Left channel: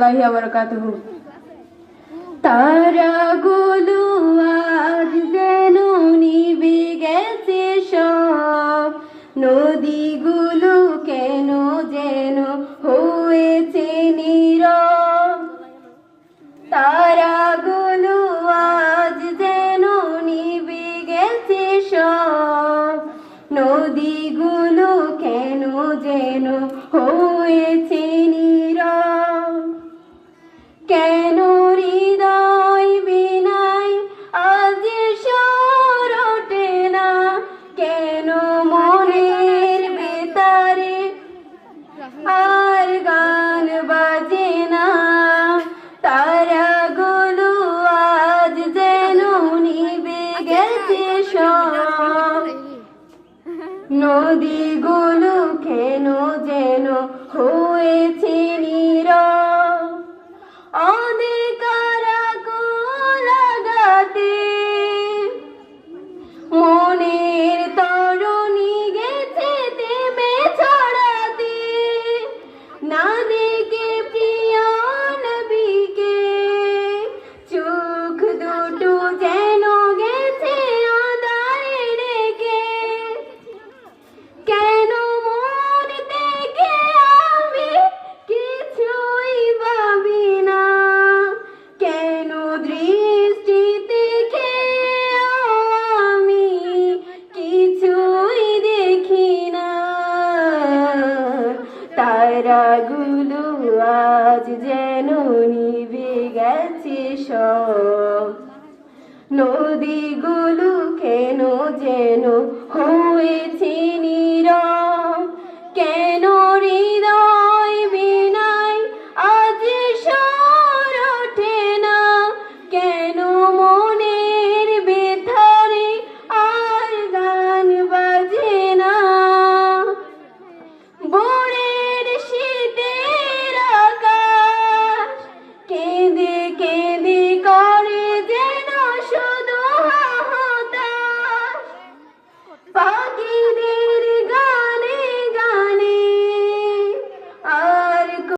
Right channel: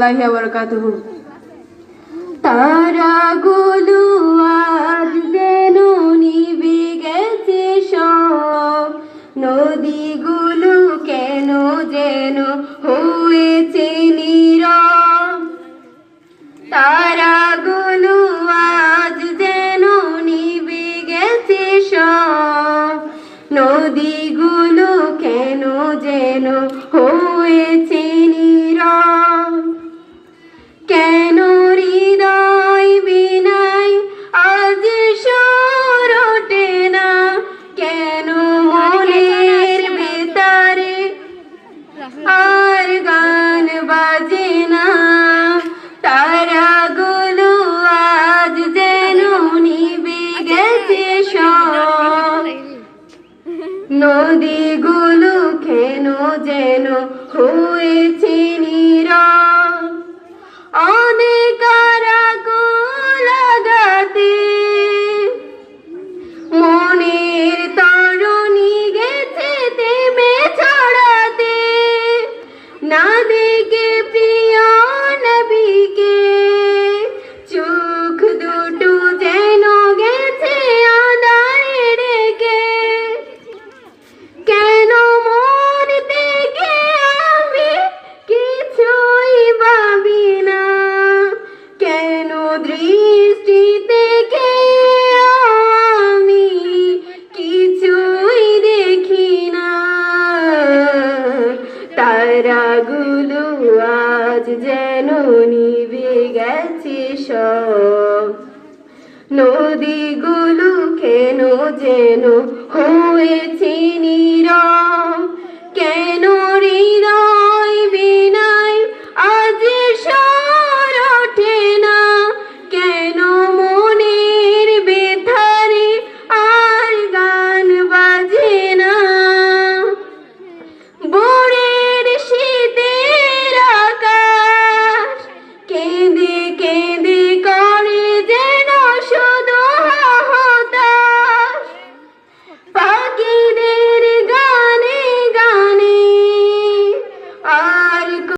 বারাকাতুহু। তারাগুলো আজ যেন নিভে গেছে সব, নদীগুলো কেন যেন হয়েছে নীরব। তারাগুলো আজ যেন নিভে গেছে সব, নদীগুলো কেন যেন হয়েছে নীরব। কেন হৃদয় বিনায় আজ সুর ওঠে না, কেন মনের ভেতরে আর গান বাজে না। তারাগুলো আজ যেন নিভে গেছে সব, নদীগুলো কেন যেন হয়েছে নীরব। অনেক আকুল লাগাতে মনের তরণী গেছে তেমে ছড়াতে, না দেখে প্রিয় নবীকে চোখ দুটো যেন গেছে আঁধারে ঢেকে। কেন মন থেকে আমি কিছুই ভাবি না, কেন দৃষ্টি থেকে আমি কিছুই দেখি না। তারাগুলো আজ যেন নিভে গেছে সব, নদীগুলো কেন যেন হয়েছে